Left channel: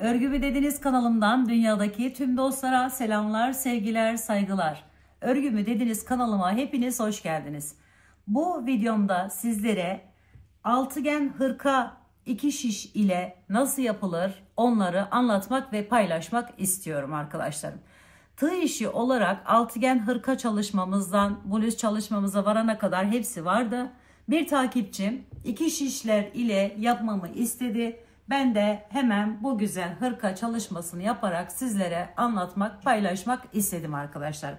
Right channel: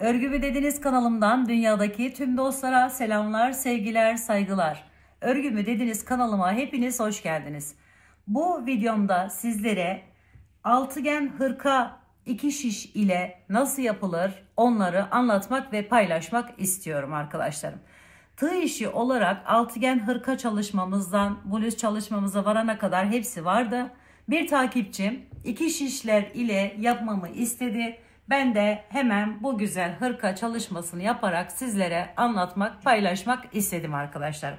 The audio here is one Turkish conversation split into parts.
Örgü Dediniz kanalımdan dünyadaki tüm dostlara selamlar, sevgiler, saygılar. Örgü Dediniz kanalıma hepiniz hoş geldiniz. Bu videomda sizlere altıgen hırka 2 şiş ile nasıl yapılır onları anlatmak ve paylaşmak istiyorum arkadaşlarım. Tığ işi olarak altıgen hırka çalışmamızdan bluz çalışmamıza varana kadar hepsi vardı. Bir takipçim 2 şişler ile yapmamı istedi. Ben de hemen bu güzel hırka çalışmasını yaparak sizlere anlatmak, paylaşmak istedim arkadaşlar.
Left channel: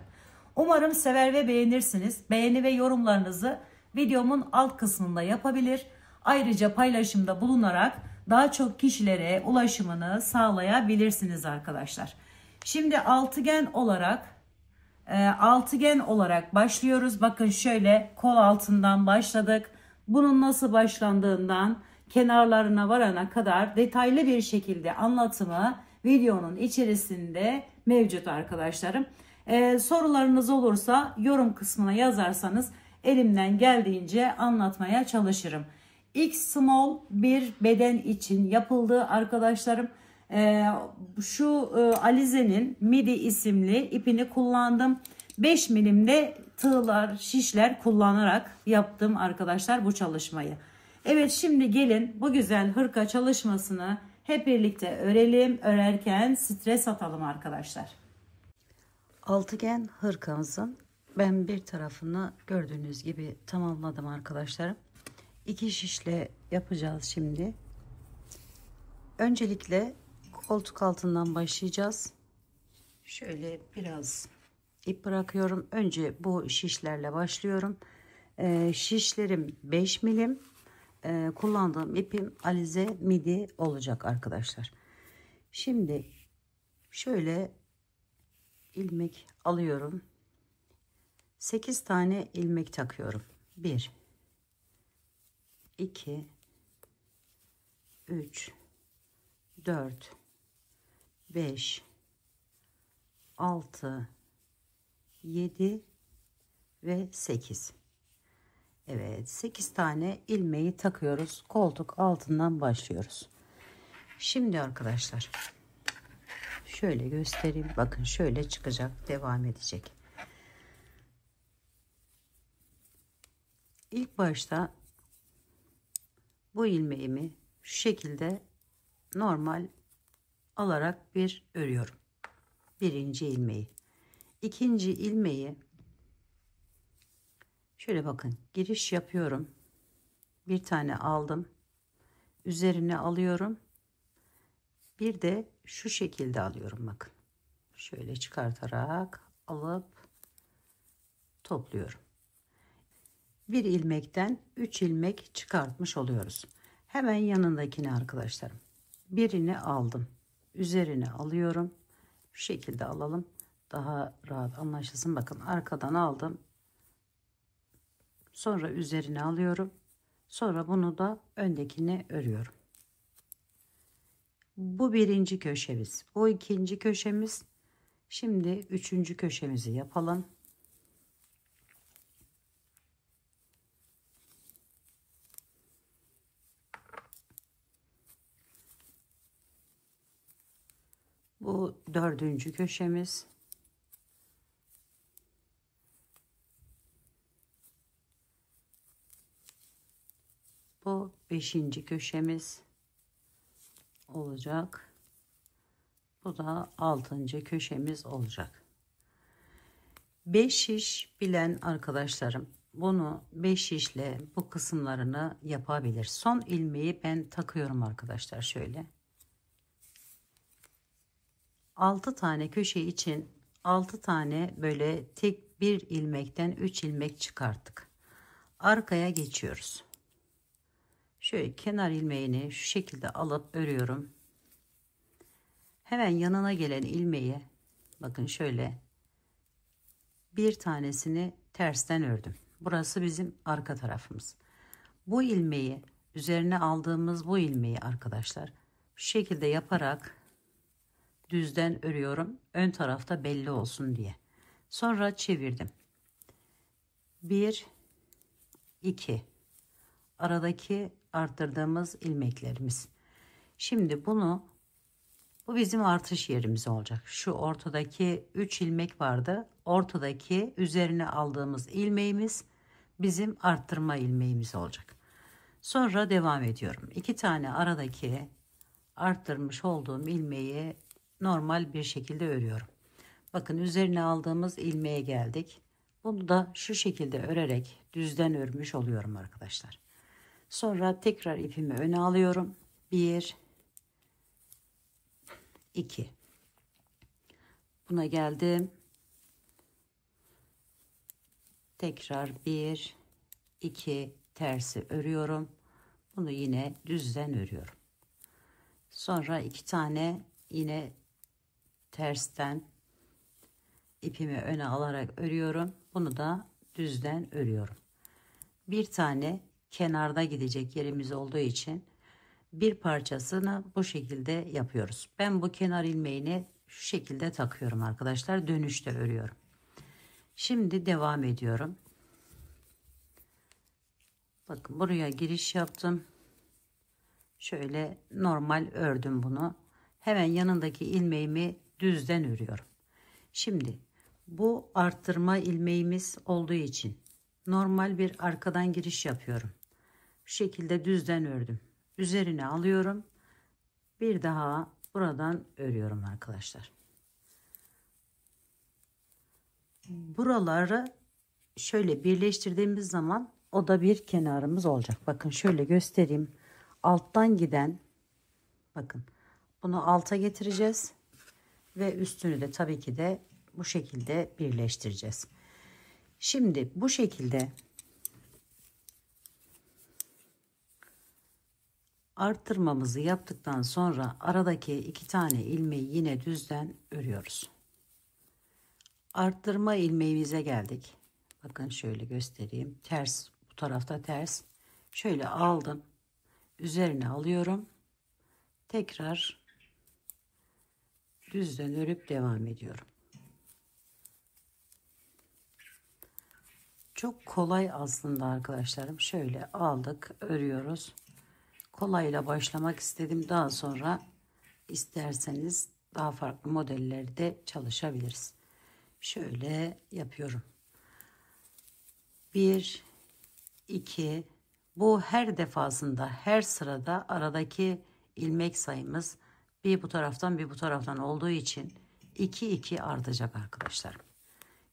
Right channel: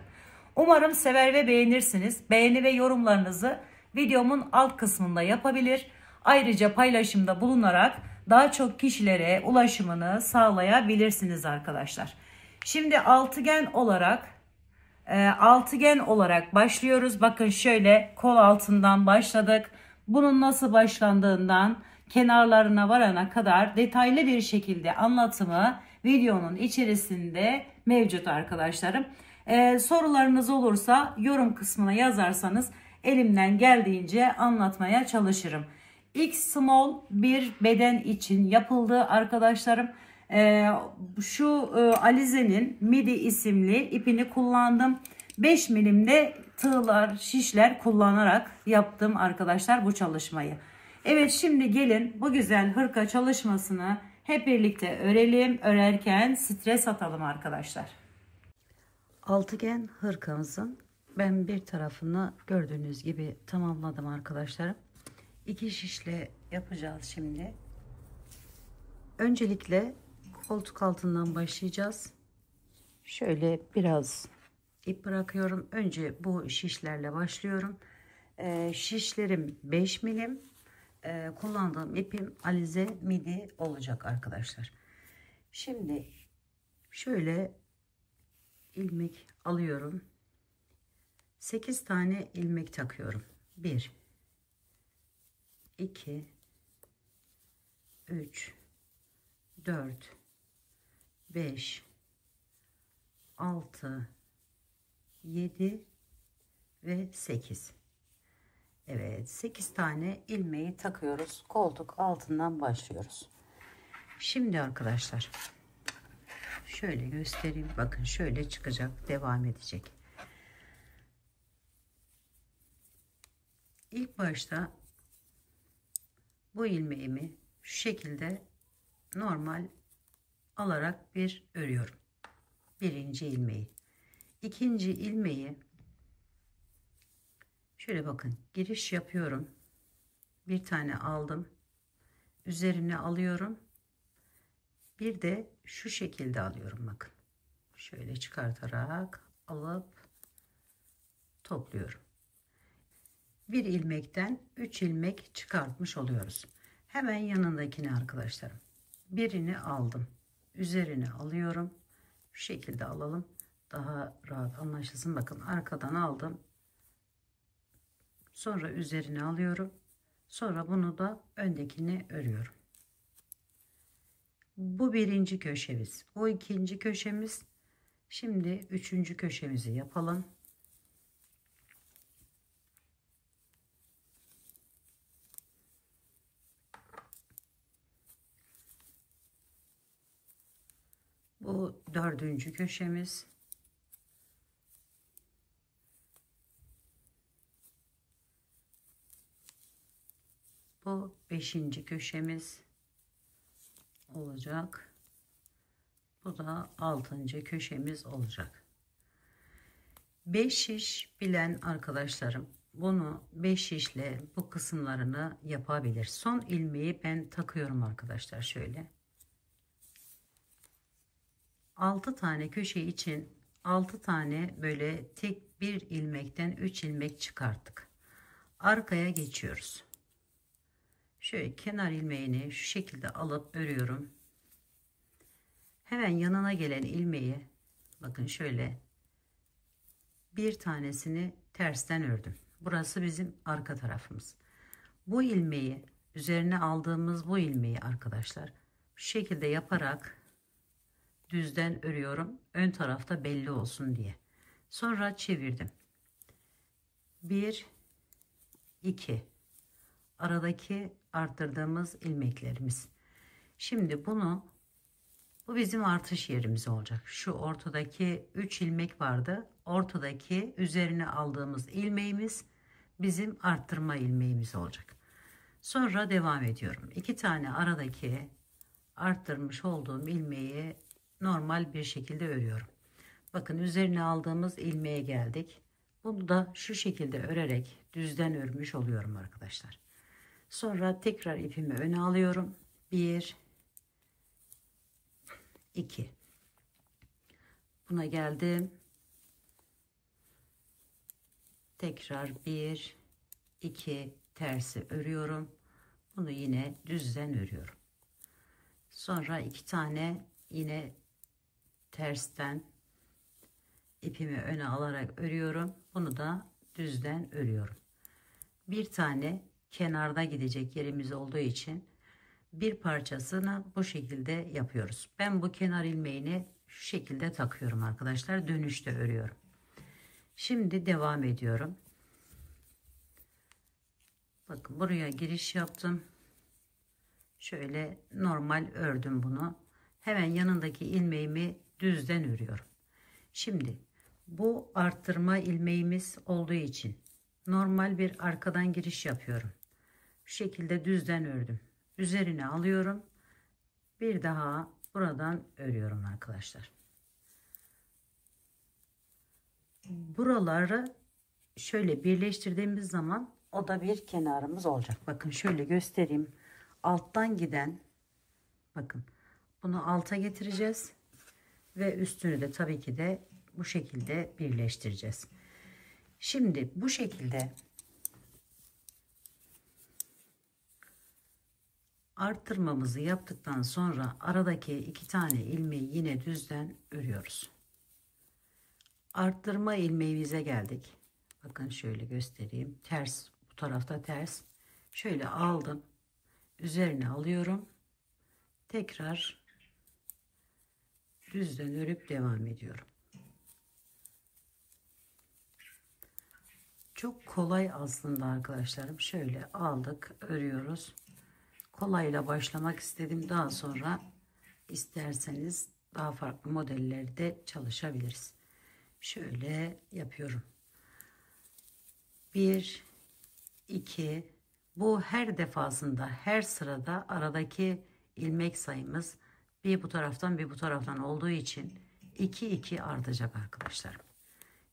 Umarım sever ve beğenirsiniz. Beğeni ve yorumlarınızı videomun alt kısmında yapabilir. Ayrıca paylaşımda bulunarak daha çok kişilere ulaşımını sağlayabilirsiniz arkadaşlar. Şimdi altıgen olarak başlıyoruz. Bakın şöyle kol altından başladık. Bunun nasıl başlandığından kenarlarına varana kadar detaylı bir şekilde anlatımı videonun içerisinde mevcut arkadaşlarım. Sorularınız olursa yorum kısmına yazarsanız elimden geldiğince anlatmaya çalışırım. X small bir beden için yapıldı arkadaşlarım. Şu Alize'nin midi isimli ipini kullandım. 5 milimde tığlar, şişler kullanarak yaptım arkadaşlar bu çalışmayı. Evet, şimdi gelin bu güzel hırka çalışmasını hep birlikte örelim. Örerken stres atalım arkadaşlar. Altıgen hırkamızın ben bir tarafını gördüğünüz gibi tamamladım arkadaşlarım. 2 şişle yapacağız şimdi. Öncelikle koltuk altından başlayacağız. Şöyle biraz ip bırakıyorum. Önce bu şişlerle başlıyorum. Şişlerim 5 milim. Kullandığım ipim Alize midi olacak arkadaşlar. Şimdi şöyle ilmek alıyorum. 8 tane ilmek takıyorum. 1 2 3 4 5 6 7 ve 8. Evet, 8 tane ilmeği takıyoruz. Koltuk altından başlıyoruz. Şimdi arkadaşlar şöyle göstereyim. Bakın şöyle çıkacak, devam edecek. İlk başta bu ilmeğimi şu şekilde normal alarak bir örüyorum. Birinci ilmeği. İkinci ilmeği şöyle bakın, giriş yapıyorum. Bir tane aldım. Üzerine alıyorum. Bir de şu şekilde alıyorum bakın. Şöyle çıkartarak alıp topluyorum. Bir ilmekten 3 ilmek çıkartmış oluyoruz. Hemen yanındakini arkadaşlarım. Birini aldım. Üzerine alıyorum. Şu şekilde alalım. Daha rahat anlaşılsın. Bakın arkadan aldım. Sonra üzerine alıyorum. Sonra bunu da öndekine örüyorum. Bu birinci köşemiz. Bu ikinci köşemiz. Şimdi üçüncü köşemizi yapalım. Bu dördüncü köşemiz. Bu beşinci köşemiz olacak. Bu da altıncı köşemiz olacak. 5 şiş bilen arkadaşlarım bunu 5 şişle bu kısımlarını yapabilir. Son ilmeği ben takıyorum arkadaşlar şöyle. 6 tane köşe için 6 tane böyle tek bir ilmekten 3 ilmek çıkarttık. Arkaya geçiyoruz. Şöyle kenar ilmeğini şu şekilde alıp örüyorum. Hemen yanına gelen ilmeği bakın şöyle bir tanesini tersten ördüm. Burası bizim arka tarafımız. Bu ilmeği üzerine aldığımız bu ilmeği arkadaşlar şu şekilde yaparak düzden örüyorum. Ön tarafta belli olsun diye. Sonra çevirdim. 1 2 aradaki arttırdığımız ilmeklerimiz. Şimdi bunu Bu bizim artış yerimiz olacak. Şu ortadaki 3 ilmek vardı. Ortadaki üzerine aldığımız ilmeğimiz bizim arttırma ilmeğimiz olacak. Sonra devam ediyorum. 2 tane aradaki arttırmış olduğum ilmeği normal bir şekilde örüyorum. Bakın üzerine aldığımız ilmeğe geldik. Bunu da şu şekilde örerek düzden örmüş oluyorum arkadaşlar. Sonra tekrar ipimi öne alıyorum. 1 2 buna geldim. Tekrar 1 2 tersi örüyorum. Bunu yine düzden örüyorum. Sonra 2 tane yine tersten ipimi öne alarak örüyorum. Bunu da düzden örüyorum. Bir tane kenarda gidecek yerimiz olduğu için bir parçasını bu şekilde yapıyoruz. Ben bu kenar ilmeğini şu şekilde takıyorum arkadaşlar. Dönüşte örüyorum. Şimdi devam ediyorum. Bakın buraya giriş yaptım. Şöyle normal ördüm bunu. Hemen yanındaki ilmeğimi düzden örüyorum. Şimdi bu arttırma ilmeğimiz olduğu için normal bir arkadan giriş yapıyorum. Şu şekilde düzden ördüm. Üzerine alıyorum. Bir daha buradan örüyorum arkadaşlar. Buraları şöyle birleştirdiğimiz zaman o da bir kenarımız olacak. Bakın şöyle göstereyim. Alttan giden, bakın bunu alta getireceğiz ve üstünü de tabii ki de bu şekilde birleştireceğiz. Şimdi bu şekilde arttırmamızı yaptıktan sonra aradaki 2 tane ilmeği yine düzden örüyoruz. Arttırma ilmeğimize geldik. Bakın şöyle göstereyim. Ters, bu tarafta ters. Şöyle aldım. Üzerine alıyorum. Tekrar düzden örüp devam ediyorum. Çok kolay aslında arkadaşlarım. Şöyle aldık, örüyoruz. Kolayla başlamak istedim. Daha sonra isterseniz daha farklı modellerde çalışabiliriz. Şöyle yapıyorum. 1 2 bu her defasında, her sırada aradaki ilmek sayımız bir bu taraftan bir bu taraftan olduğu için 2 2 artacak arkadaşlarım.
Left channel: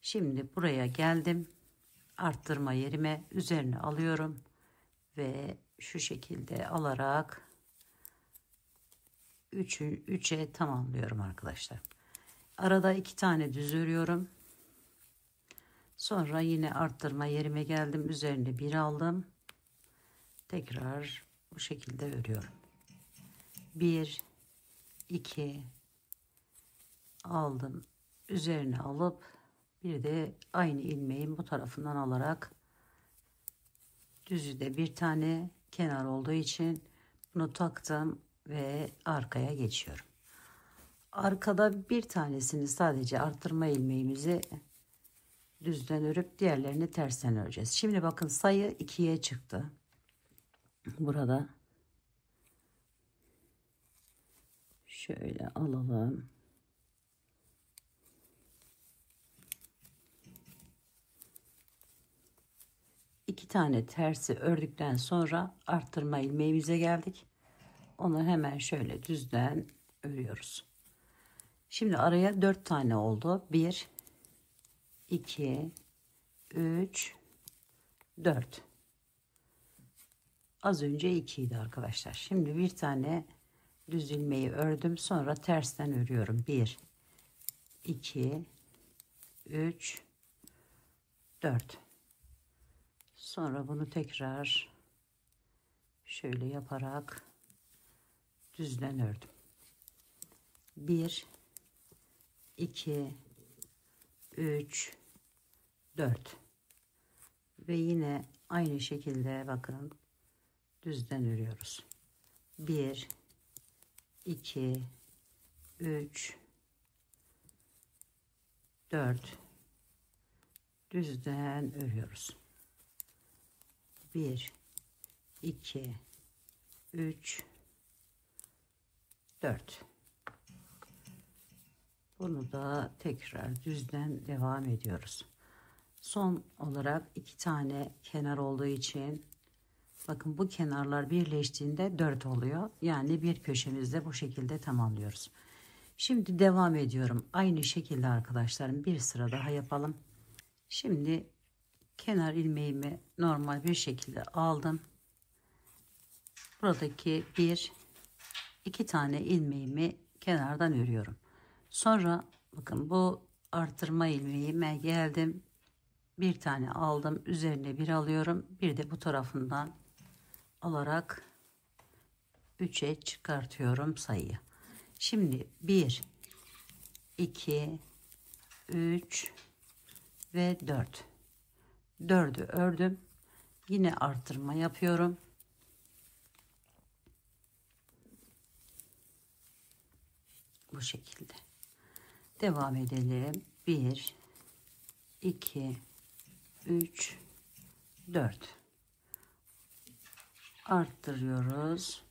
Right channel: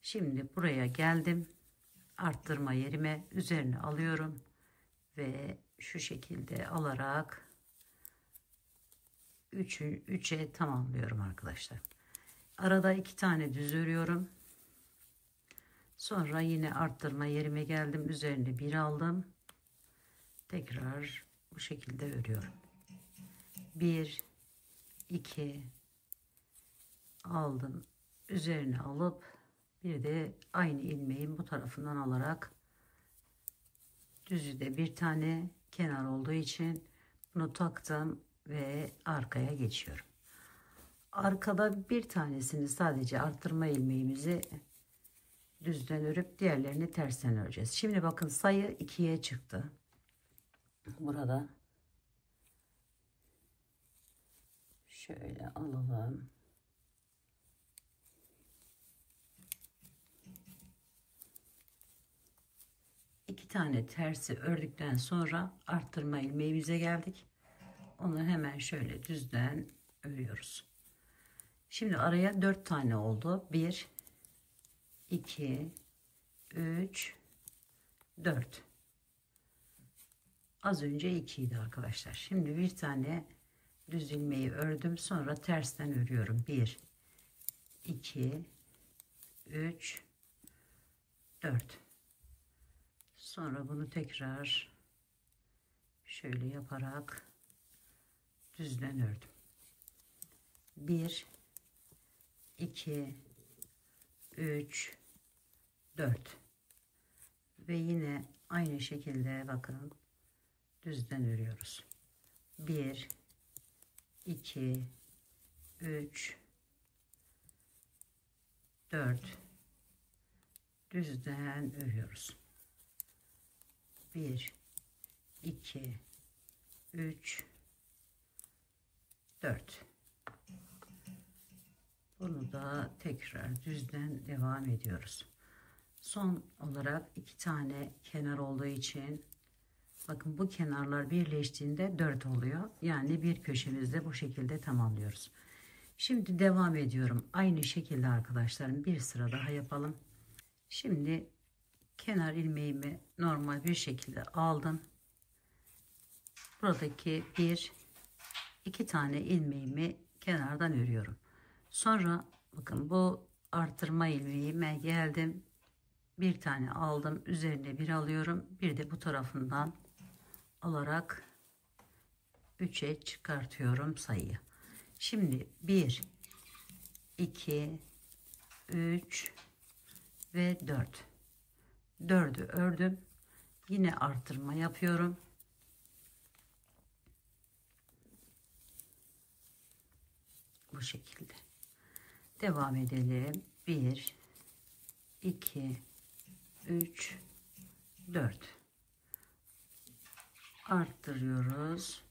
Şimdi buraya geldim. Arttırma yerime üzerine alıyorum ve şu şekilde alarak 3'e tamamlıyorum arkadaşlar. Arada 2 tane düz örüyorum. Sonra yine arttırma yerime geldim. Üzerine bir aldım. Tekrar bu şekilde örüyorum. 1 2 aldım. Üzerine alıp bir de aynı ilmeğin bu tarafından alarak düzü de bir tane kenar olduğu için bunu taktım ve arkaya geçiyorum. Arkada bir tanesini sadece arttırma ilmeğimizi düzden örüp diğerlerini tersten öreceğiz. Şimdi bakın sayı 2'ye çıktı. Burada şöyle alalım. İki tane tersi ördükten sonra arttırma ilmeğimize geldik. Onu hemen şöyle düzden örüyoruz. Şimdi araya 4 tane oldu. 1 2 3 4. Az önce 2 idi arkadaşlar. Şimdi bir tane düz ilmeği ördüm. Sonra tersten örüyorum. 1 2 3 4. Sonra bunu tekrar şöyle yaparak düzden ördüm. 1 2 3 4 ve yine aynı şekilde bakın düzden örüyoruz. 1 2 3 4 düzden örüyoruz. 1 2 3 4. Bunu da tekrar düzden devam ediyoruz. Son olarak 2 tane kenar olduğu için bakın bu kenarlar birleştiğinde 4 oluyor. Yani bir köşemizde bu şekilde tamamlıyoruz. Şimdi devam ediyorum. Aynı şekilde arkadaşlarım bir sıra daha yapalım. Şimdi kenar ilmeğimi normal bir şekilde aldım. Buradaki 2 tane ilmeğimi kenardan örüyorum. Sonra bakın bu artırma ilmeğime geldim. Bir tane aldım. Üzerine bir alıyorum. Bir de bu tarafından alarak 3'e çıkartıyorum sayıyı. Şimdi 1, 2, 3 ve 4. 4'ü ördüm. Yine artırma yapıyorum. Bu şekilde. Devam edelim. 1, 2, 3, 4. Arttırıyoruz.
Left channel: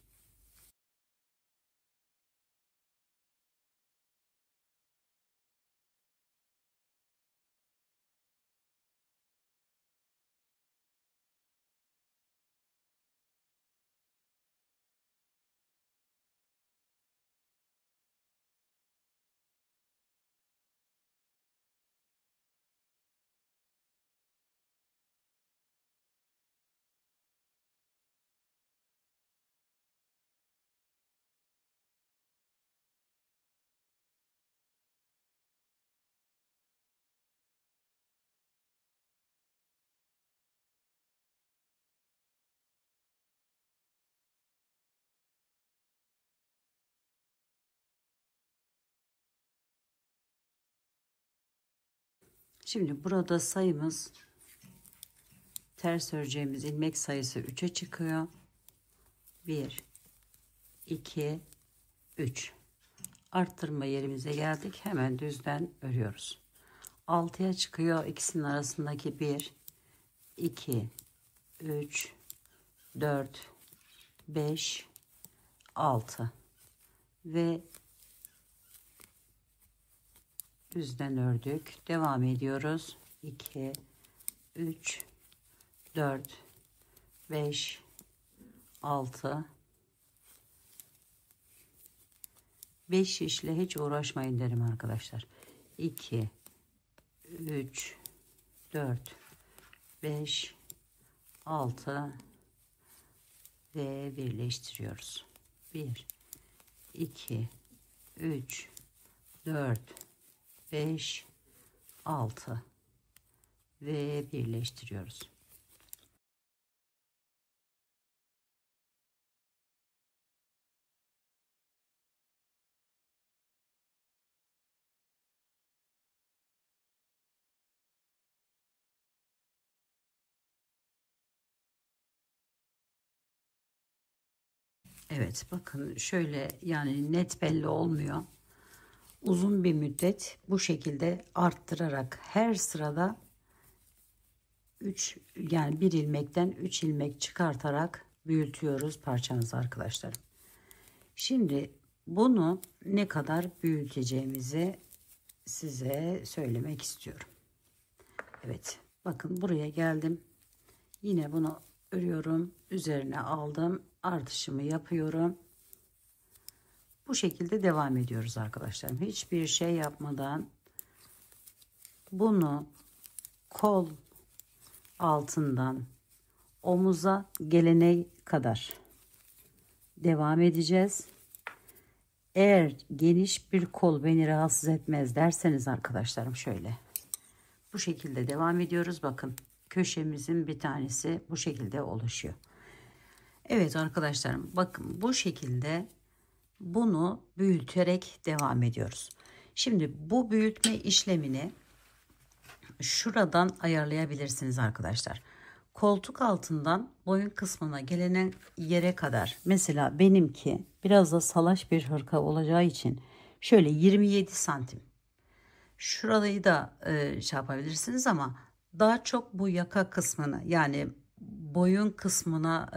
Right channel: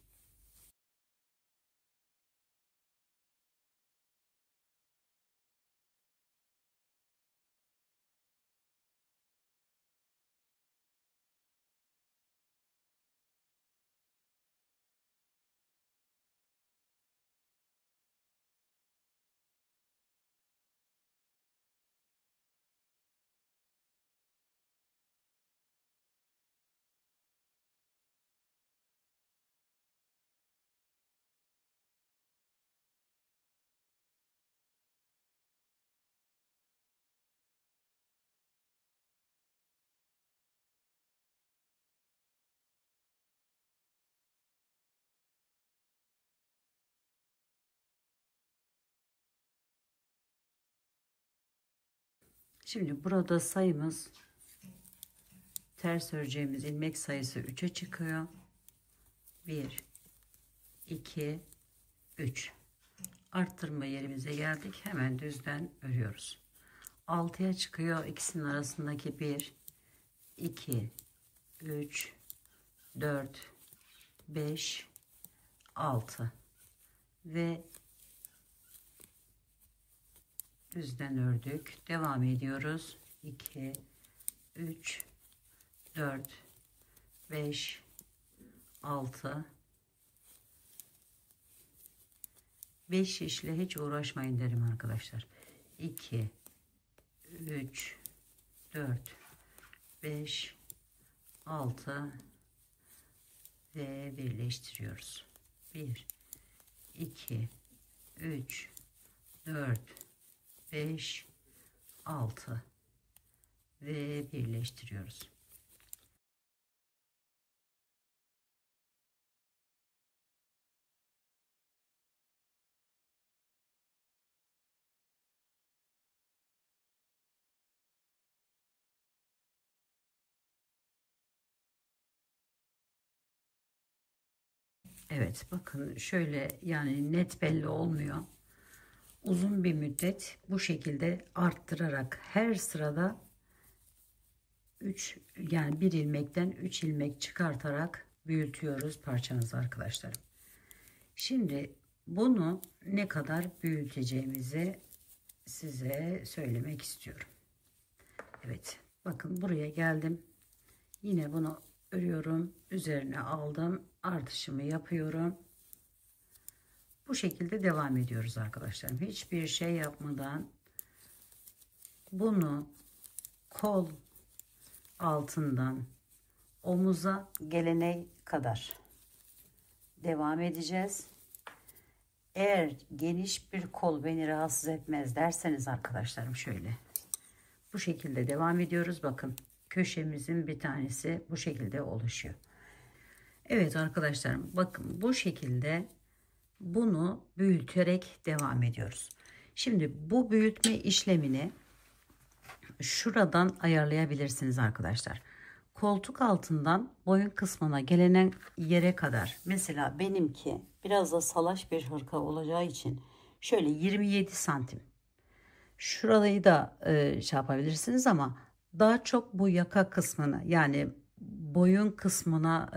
Şimdi burada sayımız, ters öreceğimiz ilmek sayısı 3'e çıkıyor. 1, 2, 3. Arttırma yerimize geldik. Hemen düzden örüyoruz. 6'ya çıkıyor. İkisinin arasındaki 1, 2, 3, 4, 5, 6 ve düzden ördük. Devam ediyoruz. 2, 3, 4, 5, 6, 5 işle hiç uğraşmayın derim arkadaşlar. 2, 3, 4, 5, 6 ve birleştiriyoruz. 1, 2, 3, 4, 5, 6 ve birleştiriyoruz. Evet, bakın şöyle, yani net belli olmuyor. Uzun bir müddet bu şekilde arttırarak her sırada 3, yani bir ilmekten 3 ilmek çıkartarak büyütüyoruz parçamızı arkadaşlarım. Şimdi bunu ne kadar büyüteceğimizi size söylemek istiyorum. Evet, bakın buraya geldim. Yine bunu örüyorum. Üzerine aldım. Artışımı yapıyorum. Bu şekilde devam ediyoruz arkadaşlarım. Hiçbir şey yapmadan bunu kol altından omuza gelene kadar devam edeceğiz. Eğer geniş bir kol beni rahatsız etmez derseniz arkadaşlarım, şöyle bu şekilde devam ediyoruz. Bakın köşemizin bir tanesi bu şekilde oluşuyor. Evet arkadaşlarım, bakın bu şekilde bunu büyüterek devam ediyoruz. Şimdi bu büyütme işlemini şuradan ayarlayabilirsiniz arkadaşlar. Koltuk altından boyun kısmına gelenen yere kadar, mesela benimki biraz da salaş bir hırka olacağı için şöyle 27 santim. Şurayı da şey yapabilirsiniz ama daha çok bu yaka kısmını, yani boyun kısmına,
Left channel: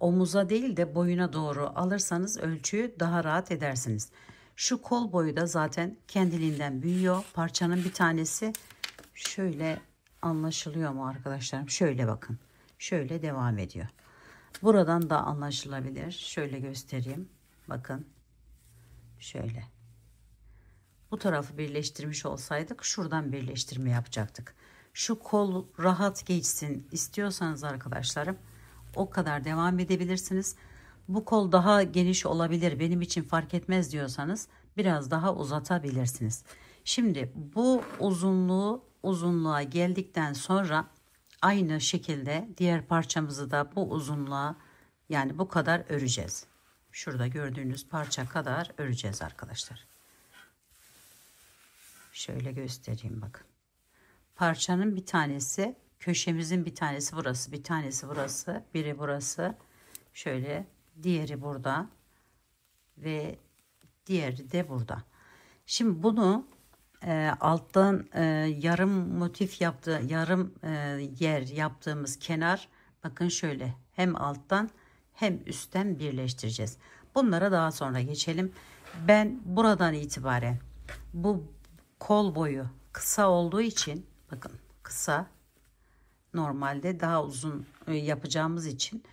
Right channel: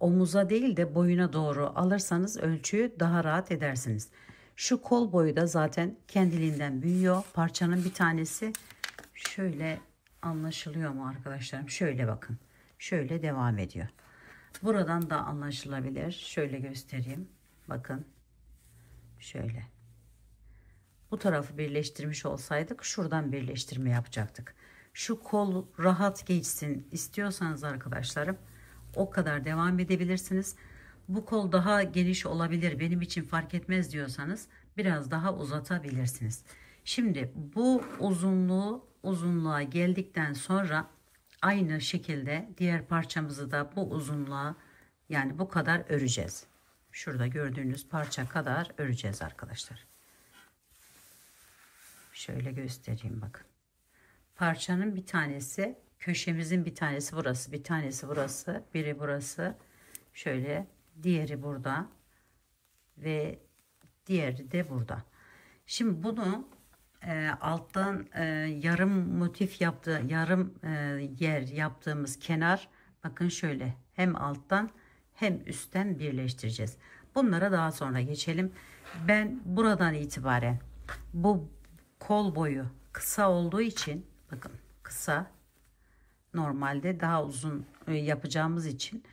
omuza değil de boyuna doğru alırsanız ölçüyü daha rahat edersiniz. Şu kol boyu da zaten kendiliğinden büyüyor. Parçanın bir tanesi şöyle, anlaşılıyor mu arkadaşlarım? Şöyle bakın. Şöyle devam ediyor. Buradan da anlaşılabilir. Şöyle göstereyim. Bakın. Şöyle. Bu tarafı birleştirmiş olsaydık şuradan birleştirme yapacaktık. Şu kol rahat geçsin istiyorsanız arkadaşlarım o kadar devam edebilirsiniz. Bu kol daha geniş olabilir, benim için fark etmez diyorsanız biraz daha uzatabilirsiniz. Şimdi bu uzunluğa geldikten sonra aynı şekilde diğer parçamızı da bu uzunluğa, yani bu kadar öreceğiz. Şurada gördüğünüz parça kadar öreceğiz arkadaşlar. Şöyle göstereyim bakın. Parçanın bir tanesi, köşemizin bir tanesi burası, bir tanesi burası, biri burası. Şöyle, diğeri burada ve diğeri de burada. Şimdi bunu alttan yarım motif yarım yer yaptığımız kenar, bakın şöyle hem alttan hem üstten birleştireceğiz. Bunlara daha sonra geçelim. Ben buradan itibaren bu kol boyu kısa olduğu için, bakın kısa, normalde daha uzun yapacağımız için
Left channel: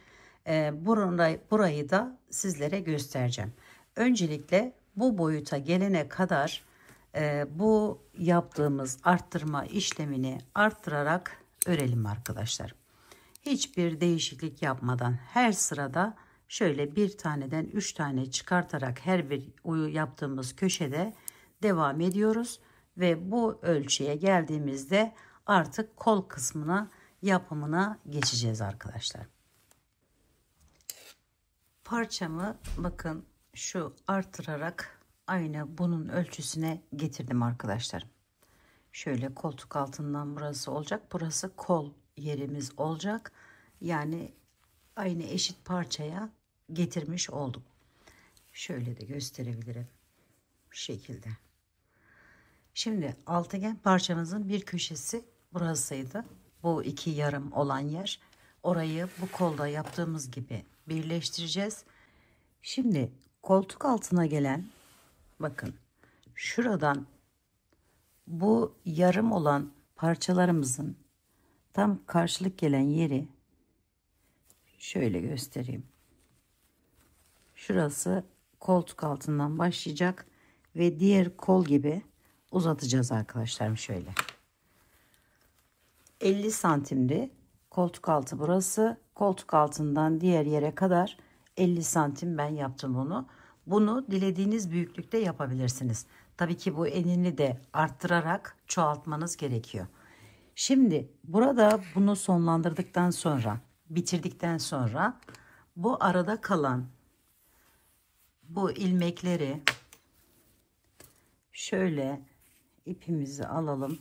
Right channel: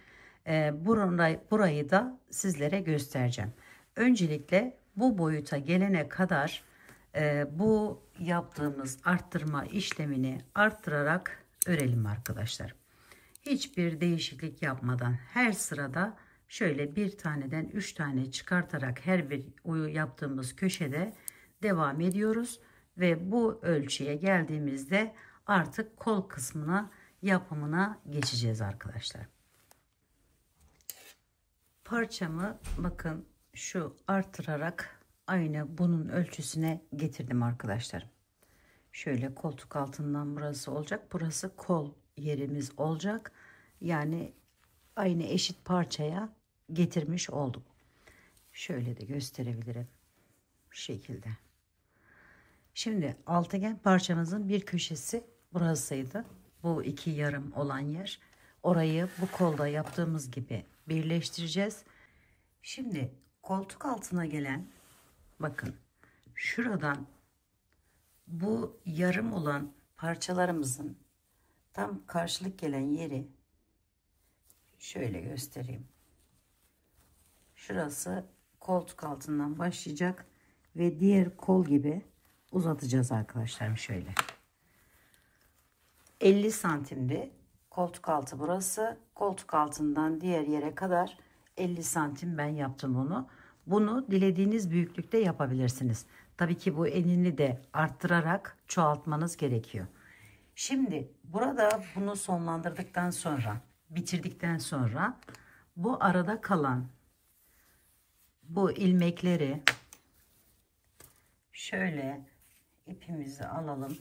burayı da sizlere göstereceğim. Öncelikle bu boyuta gelene kadar bu yaptığımız arttırma işlemini arttırarak örelim arkadaşlar. Hiçbir değişiklik yapmadan her sırada şöyle bir taneden 3 tane çıkartarak her bir yaptığımız köşede devam ediyoruz ve bu ölçüye geldiğimizde artık kol kısmına yapımına geçeceğiz arkadaşlar. Parçamı bakın şu artırarak aynı bunun ölçüsüne getirdim arkadaşlar. Şöyle koltuk altından burası olacak. Burası kol yerimiz olacak. Yani aynı eşit parçaya getirmiş oldum. Şöyle de gösterebilirim. Bu şekilde. Şimdi altıgen parçamızın bir köşesi burasıydı. Bu iki yarım olan yer. Orayı bu kolda yaptığımız gibi birleştireceğiz. Şimdi koltuk altına gelen, bakın şuradan bu yarım olan parçalarımızın tam karşılık gelen yeri şöyle göstereyim. Şurası koltuk altından başlayacak ve diğer kol gibi uzatacağız arkadaşlar şöyle. 50 santimdi koltuk altı burası. Koltuk altından diğer yere kadar 50 santim ben yaptım bunu. Bunu dilediğiniz büyüklükte yapabilirsiniz. Tabii ki bu enini de arttırarak çoğaltmanız gerekiyor. Şimdi burada bunu sonlandırdıktan sonra, bitirdikten sonra bu arada kalan bu ilmekleri şöyle ipimizi alalım.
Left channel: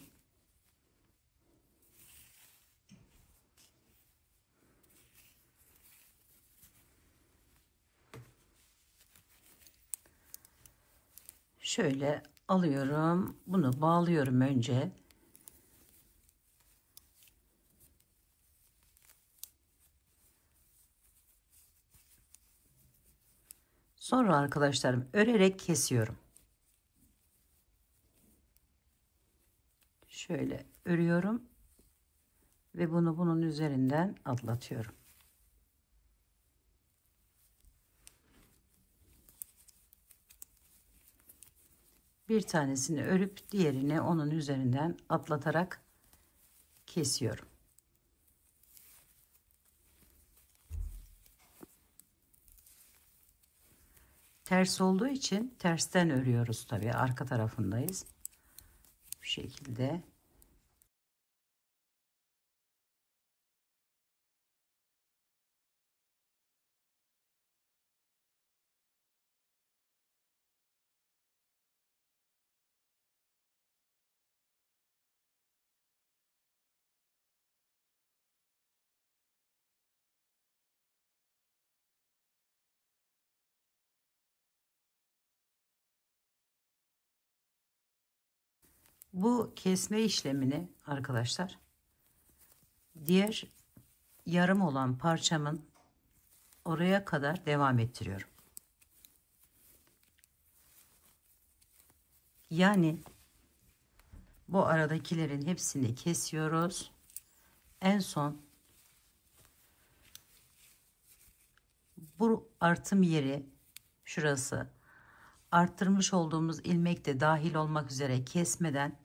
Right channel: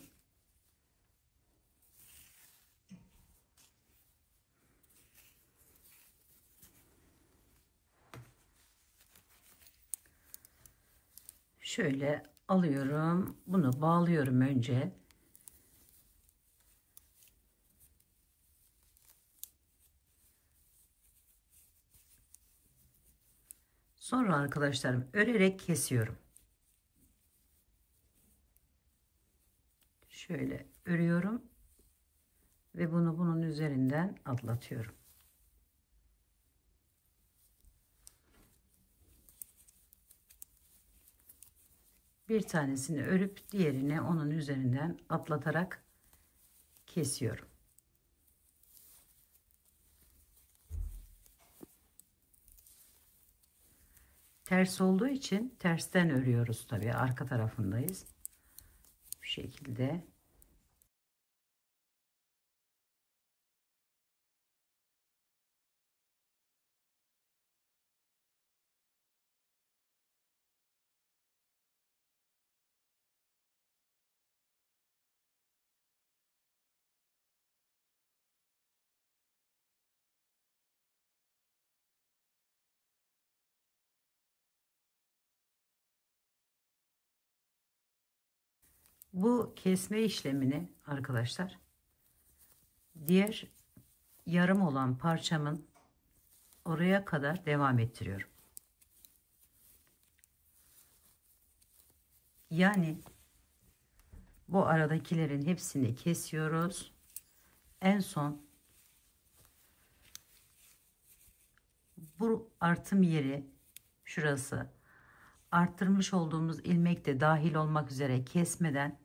Şöyle alıyorum. Bunu bağlıyorum önce. Sonra arkadaşlarım örerek kesiyorum. Şöyle örüyorum ve bunu bunun üzerinden atlatıyorum. Bir tanesini örüp diğerini onun üzerinden atlatarak kesiyorum. Ters olduğu için tersten örüyoruz tabii, arka tarafındayız. Bu şekilde. Bu kesme işlemini arkadaşlar diğer yarım olan parçamın oraya kadar devam ettiriyorum. Yani bu aradakilerin hepsini kesiyoruz. En son bu artım yeri, şurası, arttırmış olduğumuz ilmek de dahil olmak üzere kesmeden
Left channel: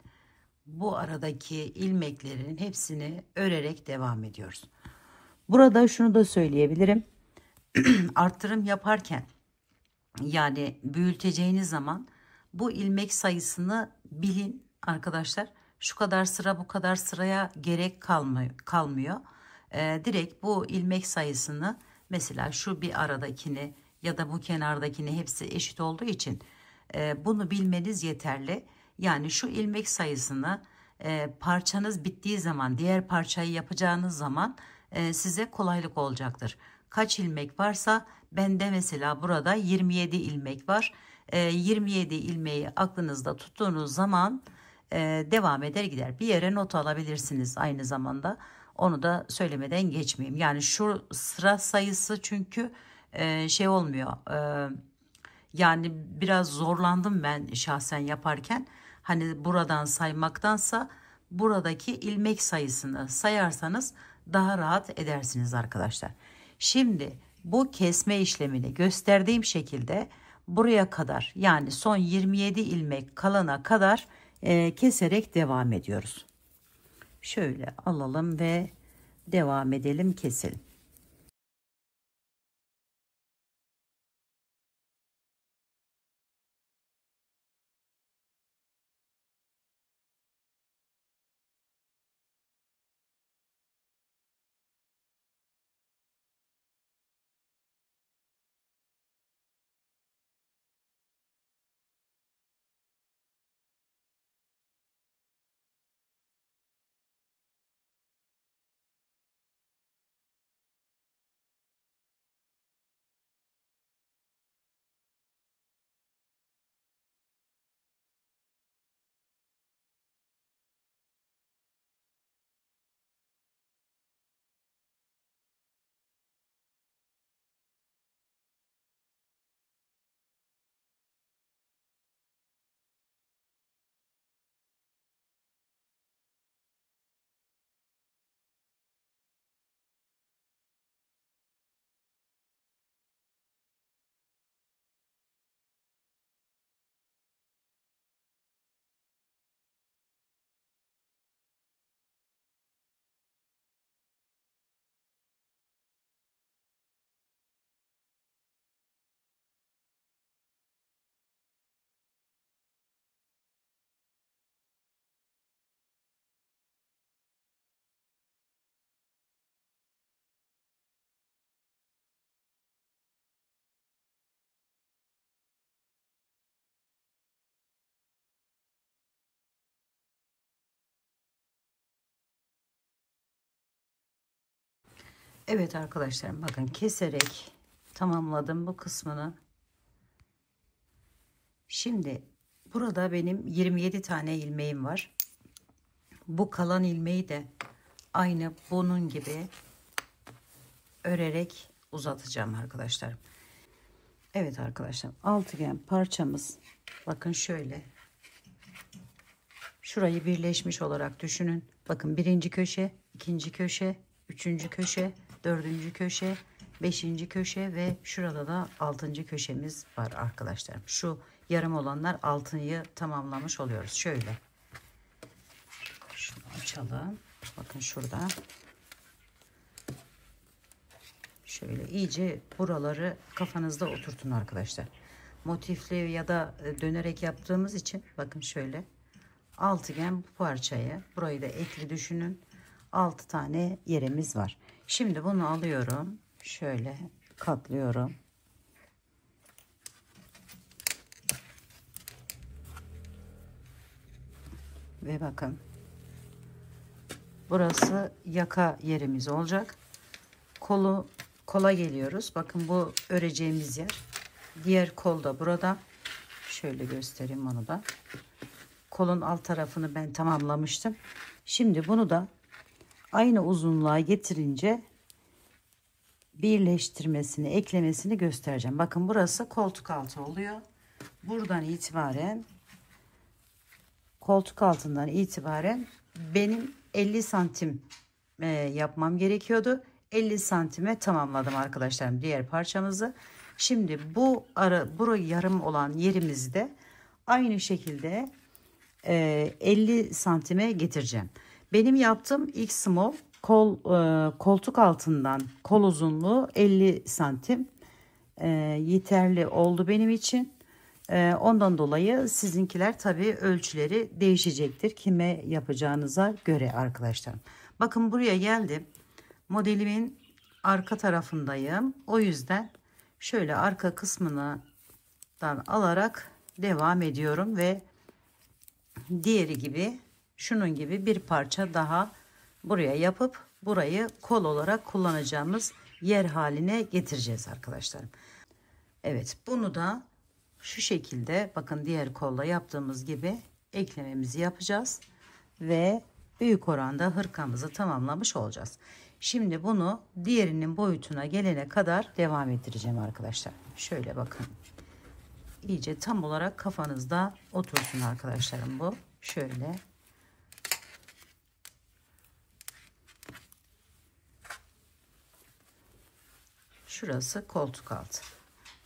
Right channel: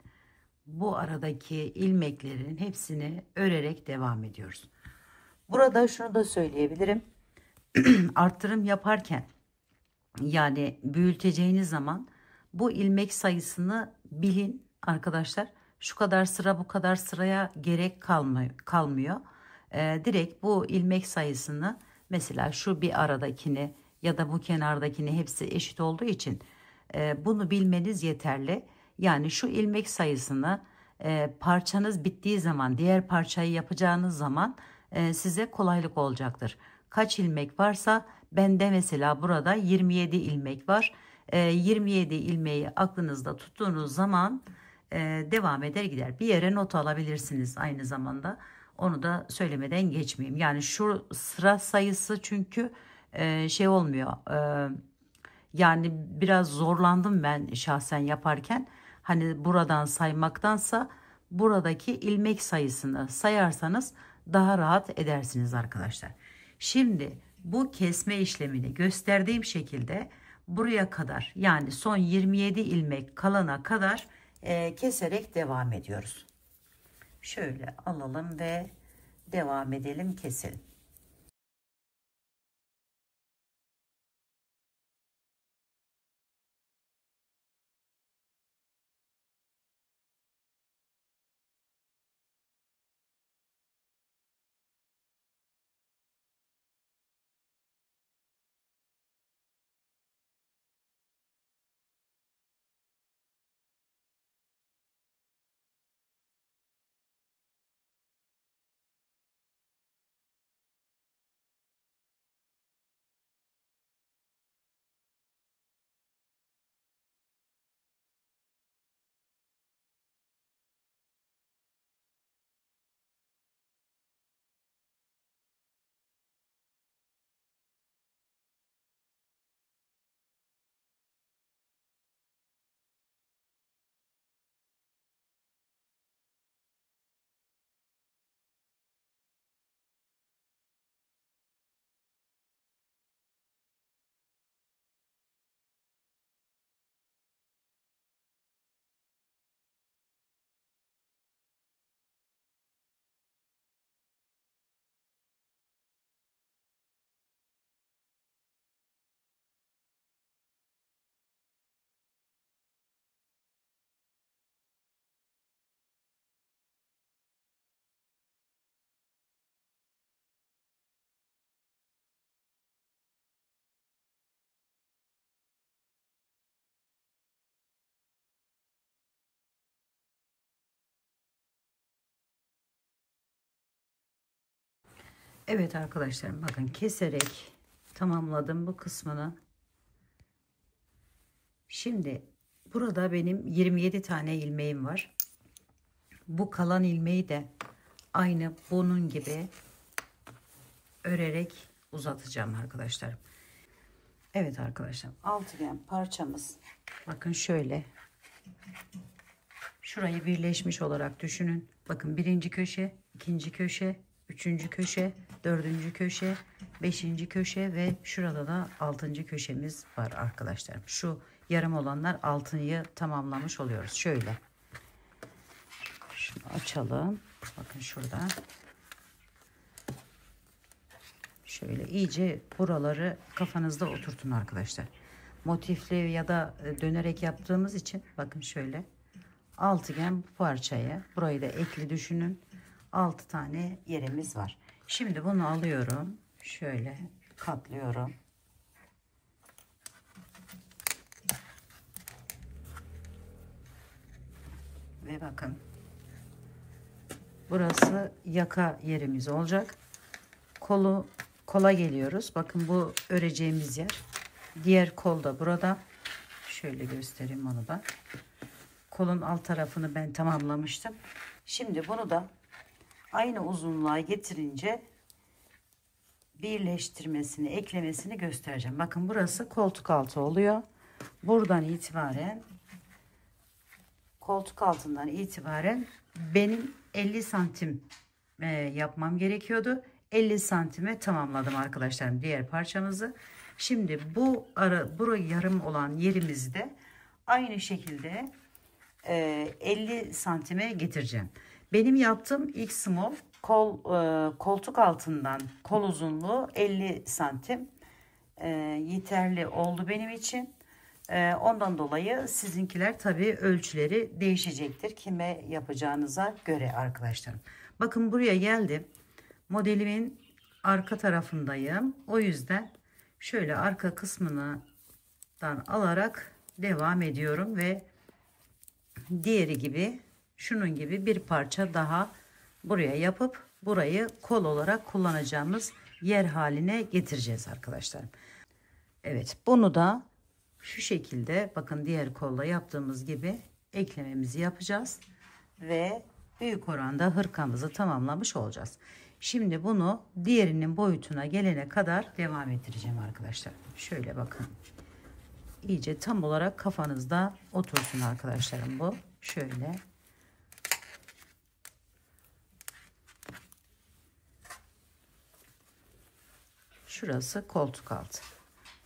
bu aradaki ilmeklerin hepsini örerek devam ediyoruz. Burada şunu da söyleyebilirim. Arttırım yaparken, yani büyüteceğiniz zaman bu ilmek sayısını bilin arkadaşlar. Şu kadar sıra, bu kadar sıraya gerek kalmıyor. Direkt bu ilmek sayısını, mesela şu bir aradakini ya da bu kenardakini, hepsi eşit olduğu için bunu bilmeniz yeterli. Yani şu ilmek sayısını parçanız bittiği zaman, diğer parçayı yapacağınız zaman size kolaylık olacaktır. Kaç ilmek varsa, bende mesela burada 27 ilmek var. 27 ilmeği aklınızda tuttuğunuz zaman devam eder gider. Bir yere not alabilirsiniz aynı zamanda. Onu da söylemeden geçmeyeyim. Yani şu sıra sayısı çünkü şey olmuyor. Yani biraz zorlandım ben şahsen yaparken. Hani buradan saymaktansa buradaki ilmek sayısını sayarsanız daha rahat edersiniz arkadaşlar. Şimdi bu kesme işlemini gösterdiğim şekilde buraya kadar, yani son 27 ilmek kalana kadar keserek devam ediyoruz. Şöyle alalım ve devam edelim, keselim. Evet arkadaşlarım, bakın keserek tamamladım bu kısmını. Şimdi burada benim 27 tane ilmeğim var. Bu kalan ilmeği de aynı bunun gibi örerek uzatacağım arkadaşlar. Evet arkadaşlar, altıgen parçamız, bakın şöyle, şurayı birleşmiş olarak düşünün. Bakın birinci köşe, ikinci köşe, üçüncü köşe, dördüncü köşe, beşinci köşe ve şurada da altıncı köşemiz var arkadaşlar. Şu yarım olanlar altıyı tamamlamış oluyoruz. Şöyle şunu açalım. Bakın şurada. Şöyle iyice buraları kafanızda oturtun arkadaşlar. Motifli ya da dönerek yaptığımız için bakın şöyle altıgen bu parçaya, burayı da ekli düşünün. 6 tane yerimiz var. Şimdi bunu alıyorum. Şöyle katlıyorum. Ve bakın burası yaka yerimiz olacak. Kola geliyoruz. Bakın bu öreceğimiz yer. Diğer kol da burada. Şöyle göstereyim onu da. Kolun alt tarafını ben tamamlamıştım. Şimdi bunu da aynı uzunluğa getirince birleştirmesini, eklemesini göstereceğim. Bakın burası koltuk altı oluyor. Buradan itibaren koltuk altından itibaren benim 50 santim yapmam gerekiyordu. 50 santime tamamladım arkadaşlarım diğer parçamızı. Şimdi bu burayı yarım olan yerimizde aynı şekilde 50 santime getireceğim. Benim yaptığım ilk small koltuk altından kol uzunluğu 50 santim yeterli oldu benim için. Ondan dolayı sizinkiler tabii ölçüleri değişecektir. Kime yapacağınıza göre arkadaşlarım. Bakın buraya geldim. Modelimin arka tarafındayım. O yüzden şöyle arka kısmından alarak devam ediyorum ve diğeri gibi şunun gibi bir parça daha buraya yapıp burayı kol olarak kullanacağımız yer haline getireceğiz arkadaşlarım. Evet, bunu da şu şekilde bakın diğer kolla yaptığımız gibi eklememizi yapacağız ve büyük oranda hırkamızı tamamlamış olacağız. Şimdi bunu diğerinin boyutuna gelene kadar devam ettireceğim arkadaşlar. Şöyle bakın. İyice tam olarak kafanızda otursun arkadaşlarım bu. Şöyle. Şurası koltuk altı.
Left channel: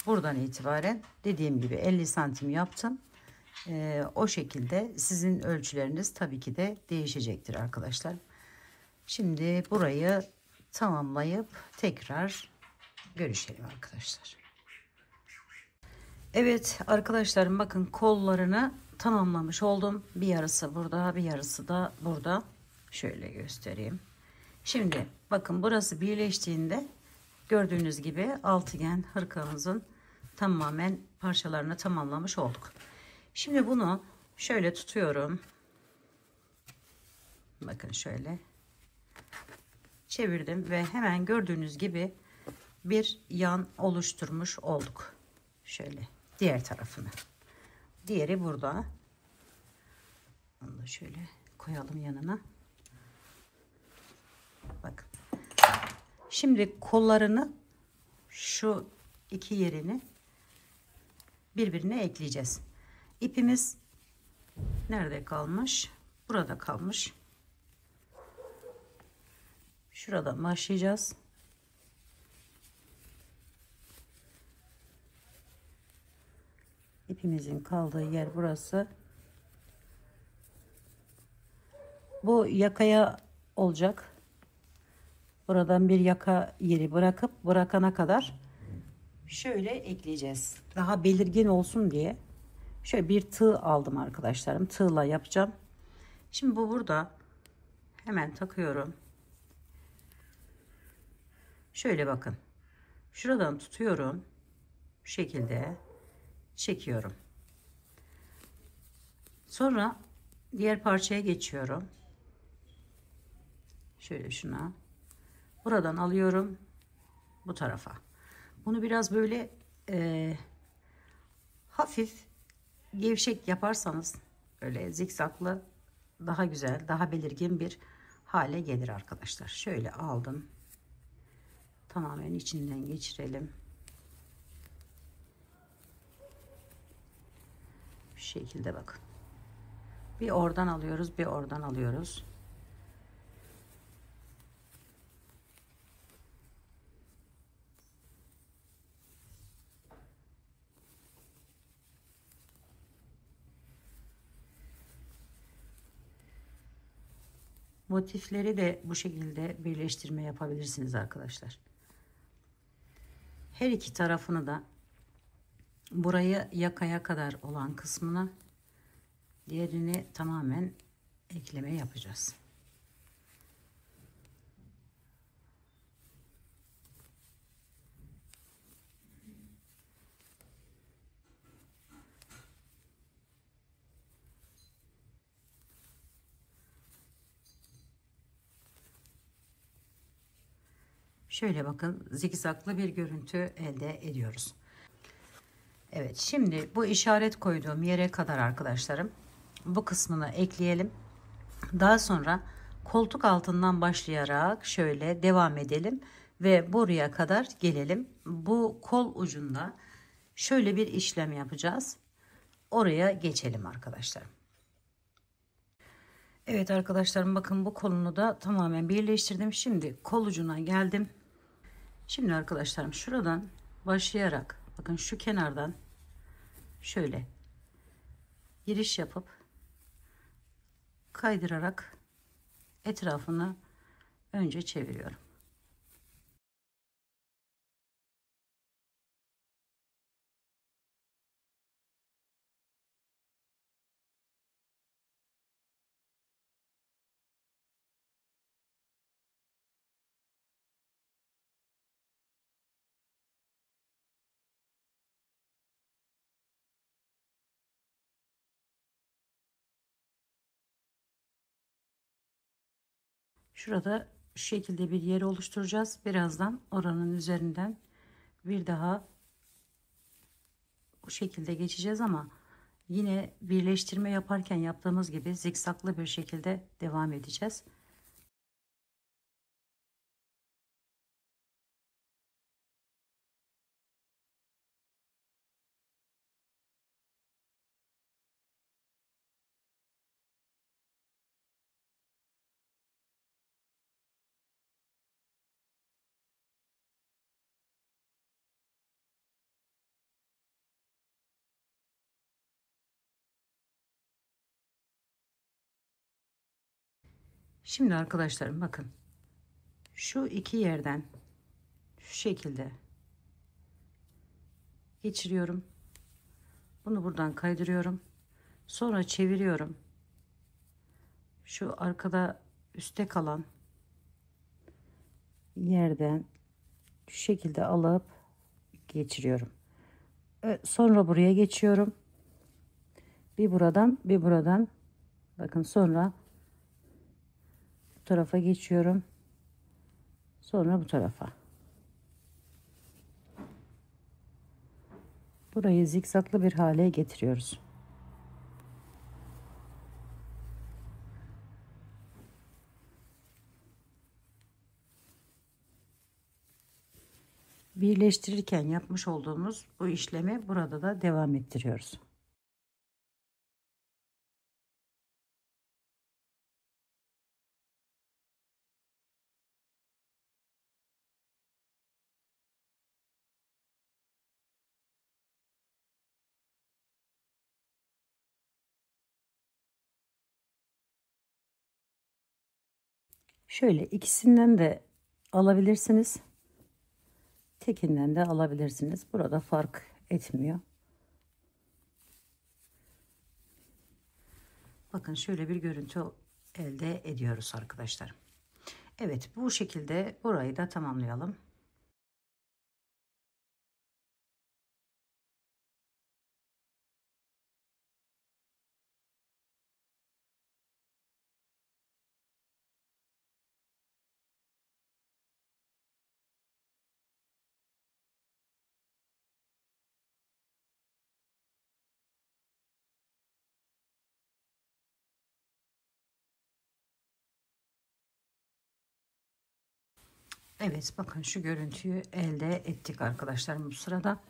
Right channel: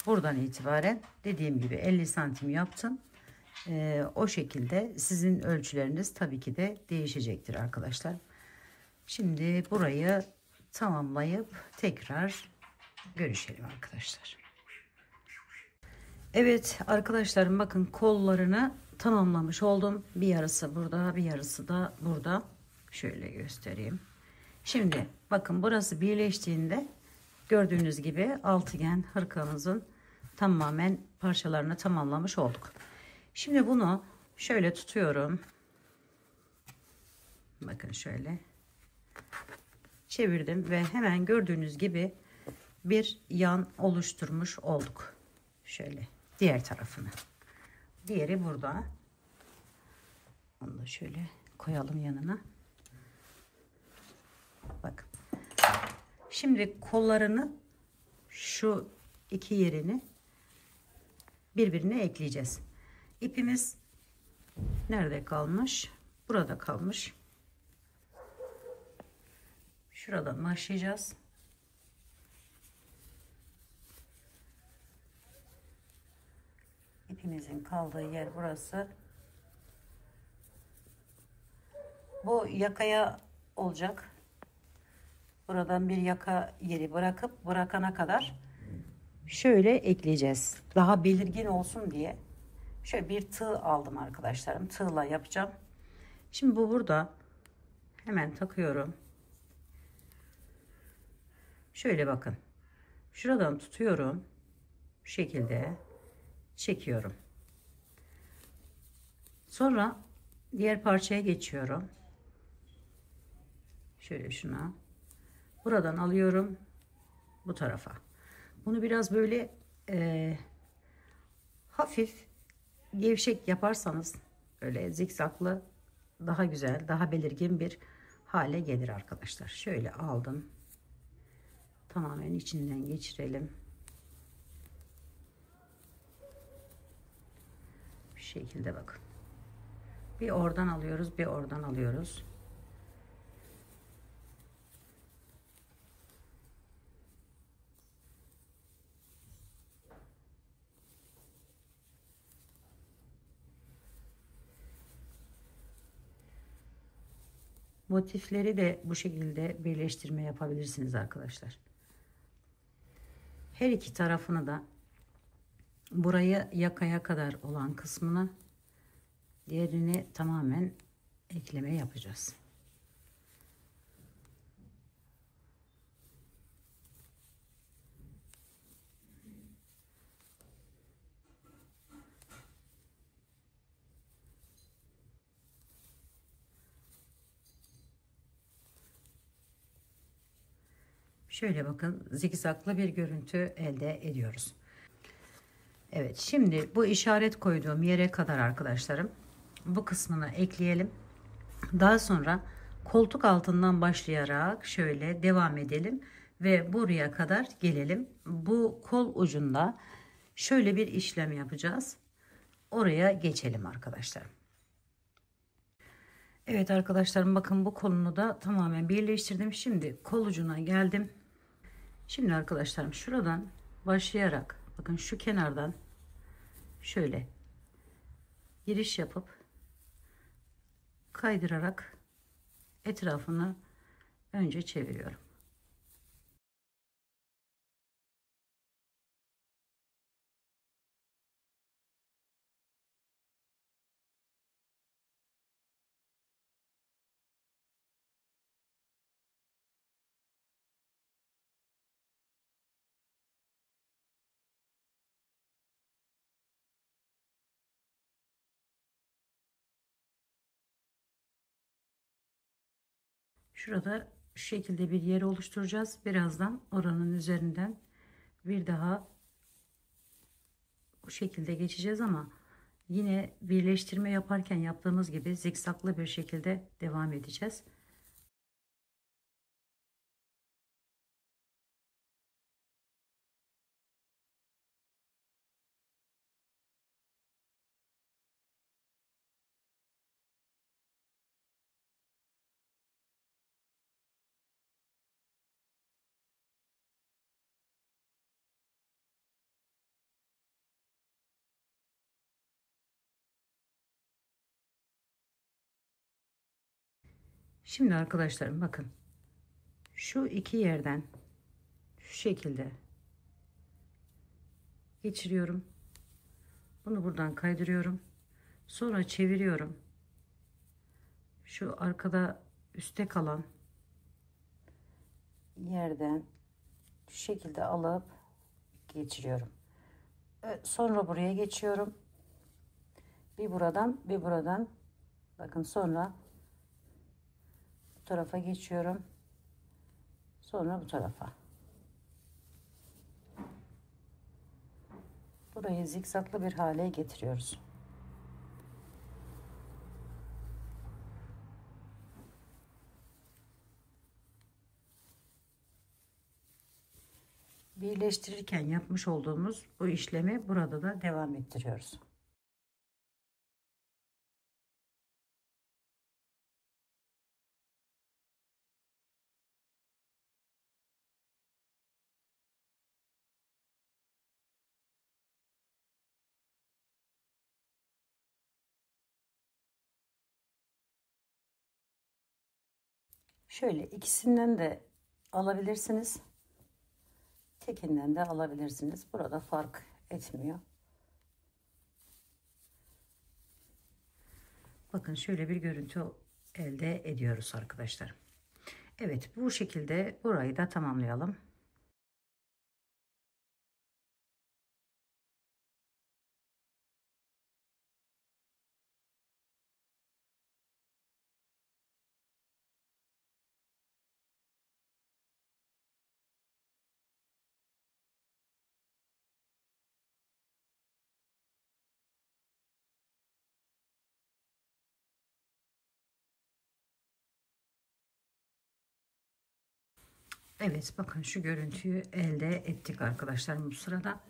Buradan itibaren dediğim gibi 50 santim yaptım. O şekilde sizin ölçüleriniz tabii ki de değişecektir arkadaşlar. Şimdi burayı tamamlayıp tekrar görüşelim arkadaşlar. Evet arkadaşlarım, bakın kollarını tamamlamış oldum. Bir yarısı burada, bir yarısı da burada. Şöyle göstereyim. Şimdi bakın burası birleştiğinde gördüğünüz gibi altıgen hırkamızın tamamen parçalarını tamamlamış olduk. Şimdi bunu şöyle tutuyorum. Bakın şöyle çevirdim ve hemen gördüğünüz gibi bir yan oluşturmuş olduk. Şöyle diğer tarafını. Diğeri burada. Onu da şöyle koyalım yanına. Bakın. Şimdi kollarını şu iki yerini birbirine ekleyeceğiz. İpimiz nerede kalmış? Burada kalmış. Şuradan başlayacağız. İpimizin kaldığı yer burası. Bu yakaya olacak. Buradan bir yaka yeri bırakıp bırakana kadar şöyle ekleyeceğiz. Daha belirgin olsun diye şöyle bir tığ aldım arkadaşlarım. Tığla yapacağım. Şimdi bu burada. Hemen takıyorum. Şöyle bakın. Şuradan tutuyorum. Bu şekilde çekiyorum. Sonra diğer parçaya geçiyorum. Şöyle şuna. Buradan alıyorum bu tarafa. Bunu biraz böyle hafif gevşek yaparsanız böyle zikzaklı daha güzel, daha belirgin bir hale gelir arkadaşlar. Şöyle aldım. Tamamen içinden geçirelim. Bu şekilde bakın. Bir oradan alıyoruz, bir oradan alıyoruz. Motifleri de bu şekilde birleştirme yapabilirsiniz arkadaşlar. Her iki tarafını da buraya yakaya kadar olan kısmına diğerini tamamen ekleme yapacağız. Şöyle bakın, zikzaklı bir görüntü elde ediyoruz. Evet, şimdi bu işaret koyduğum yere kadar arkadaşlarım bu kısmını ekleyelim. Daha sonra koltuk altından başlayarak şöyle devam edelim ve buraya kadar gelelim. Bu kol ucunda şöyle bir işlem yapacağız. Oraya geçelim arkadaşlar. Evet arkadaşlarım, bakın bu kolunu da tamamen birleştirdim. Şimdi kol ucuna geldim. Şimdi arkadaşlarım şuradan başlayarak bakın şu kenardan şöyle giriş yapıp kaydırarak etrafını önce çeviriyorum. Şurada şu şekilde bir yer oluşturacağız. Birazdan oranın üzerinden bir daha bu şekilde geçeceğiz ama yine birleştirme yaparken yaptığımız gibi zikzaklı bir şekilde devam edeceğiz. Şimdi arkadaşlarım bakın şu iki yerden şu şekilde geçiriyorum. Bunu buradan kaydırıyorum. Sonra çeviriyorum. Şu arkada üstte kalan yerden şu şekilde alıp geçiriyorum. Sonra buraya geçiyorum. Bir buradan bir buradan. Bakın sonra bu tarafa geçiyorum. Sonra bu tarafa. Burayı zikzaklı bir hale getiriyoruz. Birleştirirken yapmış olduğumuz bu işlemi burada da devam ettiriyoruz. Şöyle ikisinden de alabilirsiniz. Tekinden de alabilirsiniz. Burada fark etmiyor. Bakın şöyle bir görüntü elde ediyoruz arkadaşlar. Evet, bu şekilde burayı da tamamlayalım. Evet, bakın şu görüntüyü elde ettik arkadaşlar. Bu sırada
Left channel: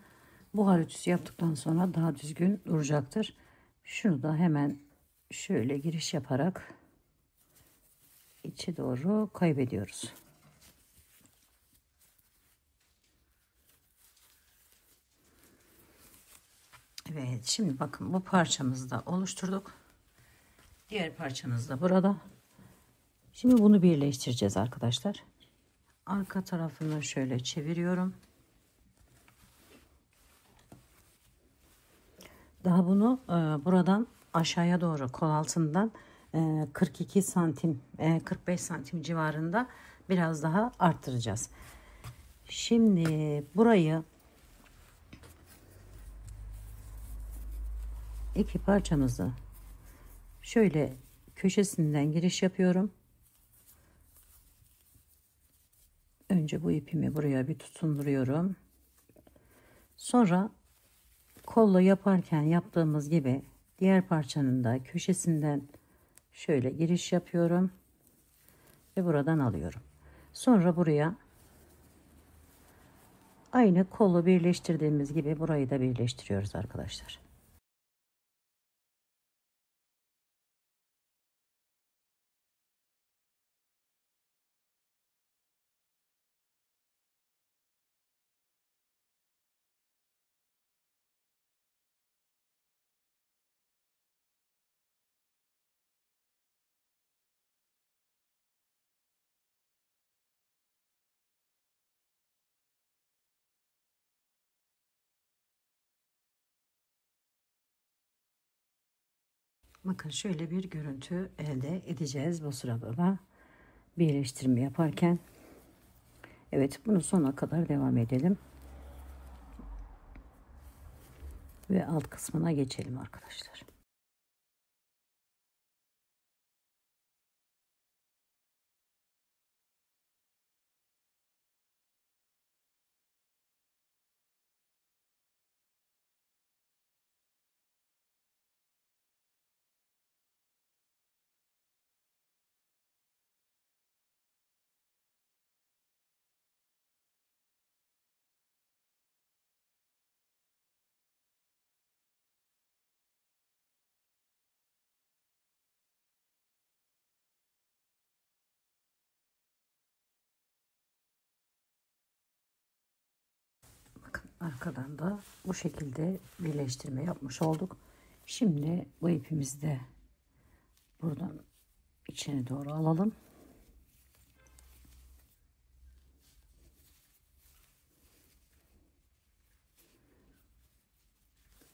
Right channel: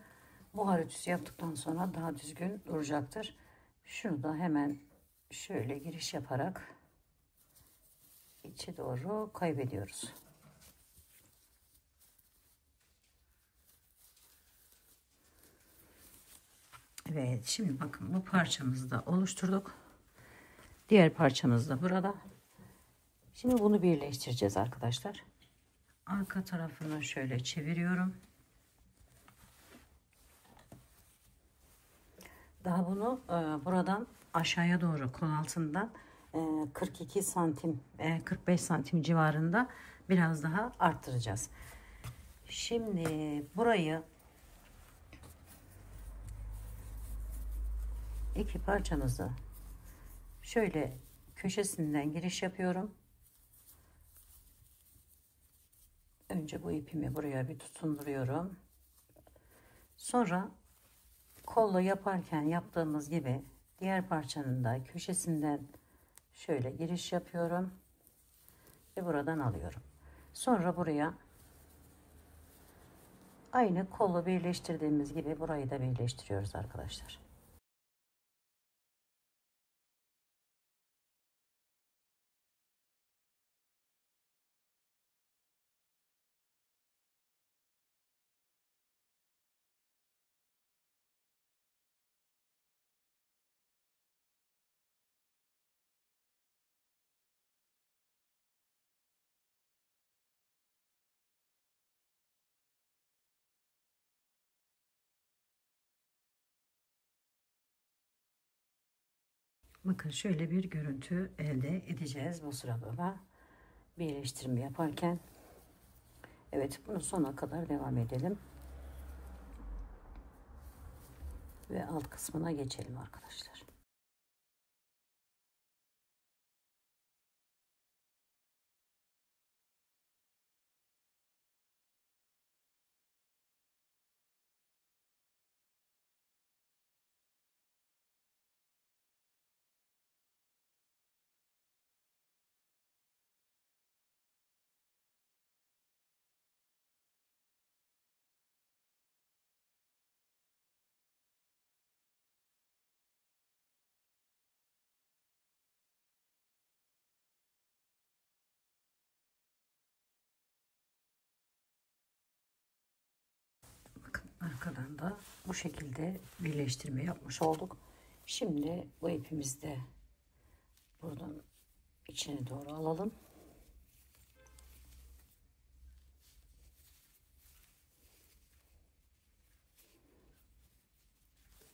buhar ütüsü yaptıktan sonra daha düzgün duracaktır. Şunu da hemen şöyle giriş yaparak içe doğru kaybediyoruz. Evet, şimdi bakın bu parçamızı da oluşturduk. Diğer parçamız da burada. Şimdi bunu birleştireceğiz arkadaşlar. Arka tarafını şöyle çeviriyorum. Daha bunu buradan aşağıya doğru kol altından 42 santim 45 santim civarında biraz daha arttıracağız. Şimdi burayı iki parçamızı şöyle köşesinden giriş yapıyorum. Önce bu ipimi buraya bir tutunduruyorum. Sonra kolla yaparken yaptığımız gibi diğer parçanın da köşesinden şöyle giriş yapıyorum ve buradan alıyorum. Sonra buraya aynı kolla birleştirdiğimiz gibi burayı da birleştiriyoruz arkadaşlar. Bakın şöyle bir görüntü elde edeceğiz bu sırada da birleştirme yaparken. Evet, bunu sona kadar devam edelim. Ve alt kısmına geçelim arkadaşlar. Bakın arkadan da bu şekilde birleştirme yapmış olduk. Şimdi bu ipimizi de buradan içine doğru alalım.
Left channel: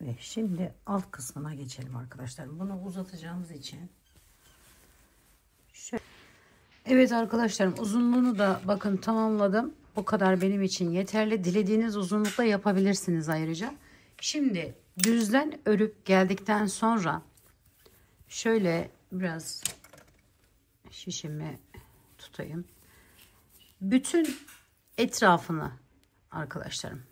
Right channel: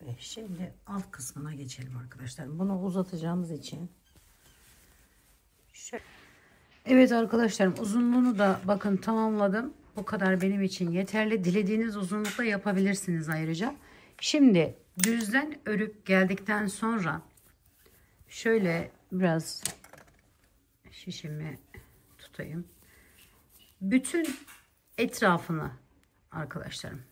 Ve şimdi alt kısmına geçelim arkadaşlar. Bunu uzatacağımız için şöyle. Evet arkadaşlarım, uzunluğunu da bakın tamamladım. Bu kadar benim için yeterli. Dilediğiniz uzunlukta yapabilirsiniz ayrıca. Şimdi düzden örüp geldikten sonra şöyle biraz şişimi tutayım. Bütün etrafını arkadaşlarım,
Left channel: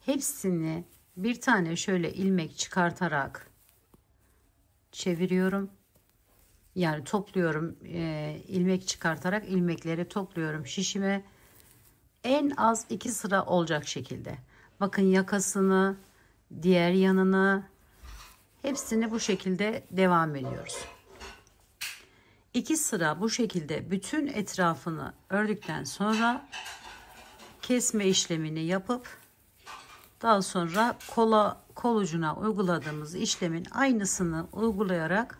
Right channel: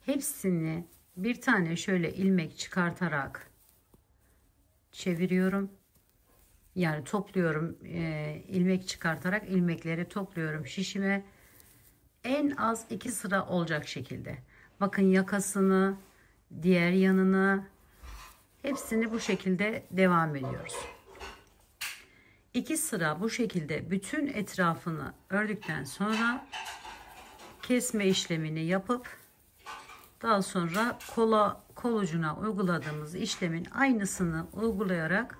hepsini bir tane şöyle ilmek çıkartarak çeviriyorum. Yani topluyorum, ilmek çıkartarak ilmekleri topluyorum şişime. En az 2 sıra olacak şekilde. Bakın yakasını, diğer yanını, hepsini bu şekilde devam ediyoruz. 2 sıra bu şekilde bütün etrafını ördükten sonra kesme işlemini yapıp daha sonra kol ucuna uyguladığımız işlemin aynısını uygulayarak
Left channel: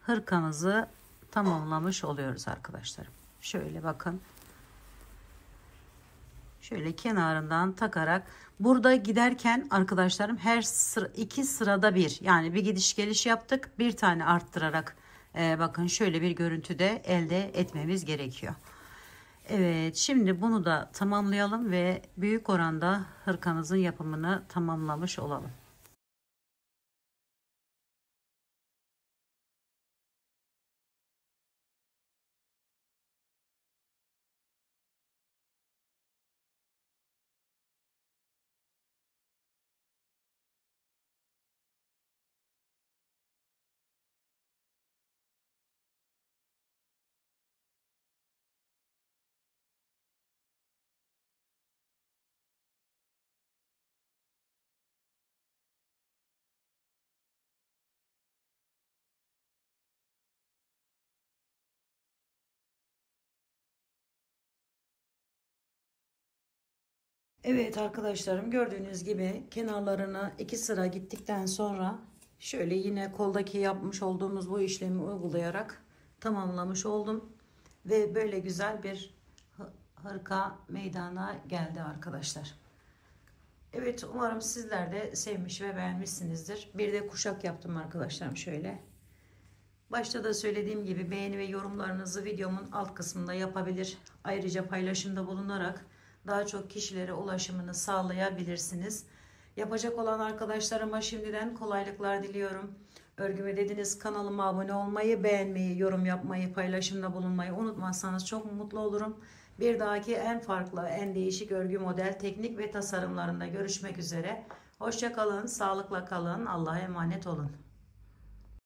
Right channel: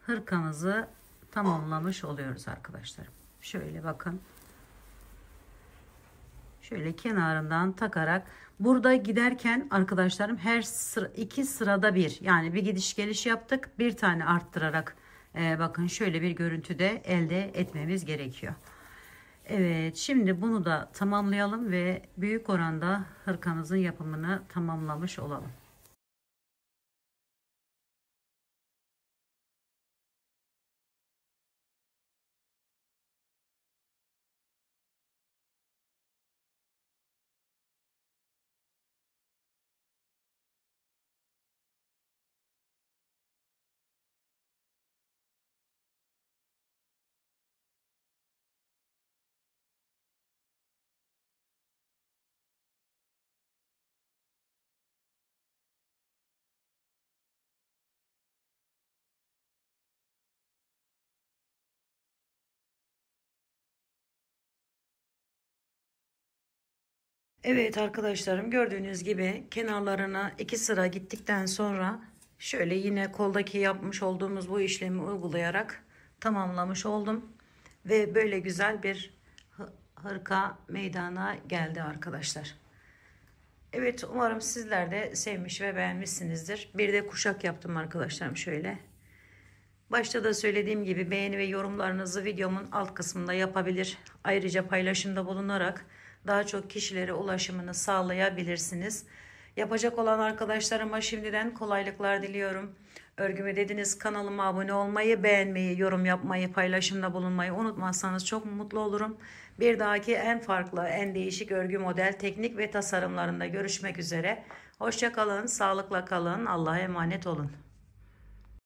hırkamızı tamamlamış oluyoruz arkadaşlar. Şöyle bakın. Şöyle kenarından takarak burada giderken arkadaşlarım her sıra, 2 sırada bir, yani bir gidiş geliş yaptık, bir tane arttırarak bakın şöyle bir görüntüde elde etmemiz gerekiyor. Evet, şimdi bunu da tamamlayalım ve büyük oranda hırkamızın yapımını tamamlamış olalım. Evet arkadaşlarım, gördüğünüz gibi kenarlarına 2 sıra gittikten sonra şöyle yine koldaki yapmış olduğumuz bu işlemi uygulayarak tamamlamış oldum. Ve böyle güzel bir hırka meydana geldi arkadaşlar. Evet, umarım sizler de sevmiş ve beğenmişsinizdir. Bir de kuşak yaptım arkadaşlarım şöyle. Başta da söylediğim gibi beğeni ve yorumlarınızı videomun alt kısmında yapabilir. Ayrıca paylaşımda bulunarak daha çok kişilere ulaşımını sağlayabilirsiniz. Yapacak olan arkadaşlarıma şimdiden kolaylıklar diliyorum. Örgüme dediniz kanalıma abone olmayı, beğenmeyi, yorum yapmayı, paylaşımda bulunmayı unutmazsanız çok mutlu olurum. Bir dahaki en farklı, en değişik örgü model, teknik ve tasarımlarında görüşmek üzere. Hoşça kalın, sağlıkla kalın, Allah'a emanet olun.